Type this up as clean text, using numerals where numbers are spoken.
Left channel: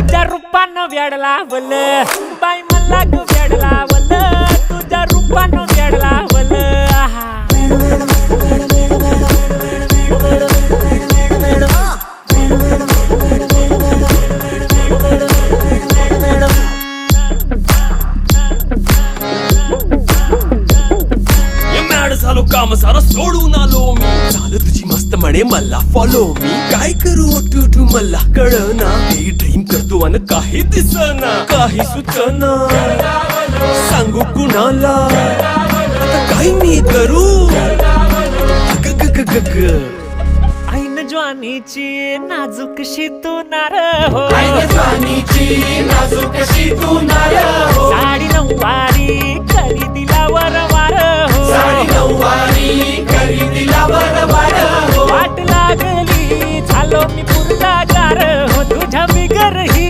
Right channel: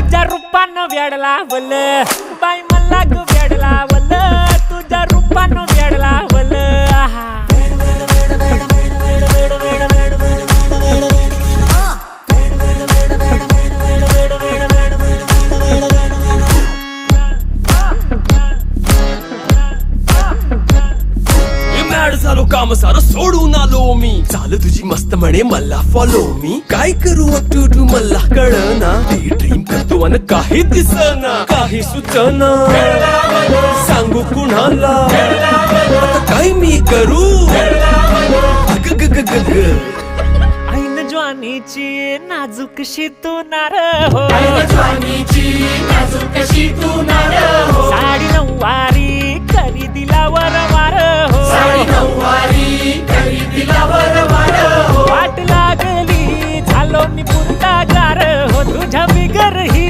तुझ्या रूपानं वेड लावल बाई मला ग वेड लावल तुझ्या रूपानं वेड लावल झालो काम सारं सोडून आलो मी चाल तुझी मस्त म्हणे मला फॉलो मी काय करू टू मला कळना ती ड्रीम करतो अन काही दिसना काही सुचना सांगू कुणाला आता काय मी करू अग ग ग ग ग ऐन ज्वानीची नाजूकशी तू नार हो साडी नऊवारी करी दिला वरवार हो वाट लागली झालो मी पुरता गार हो तुझ्या बिगर ही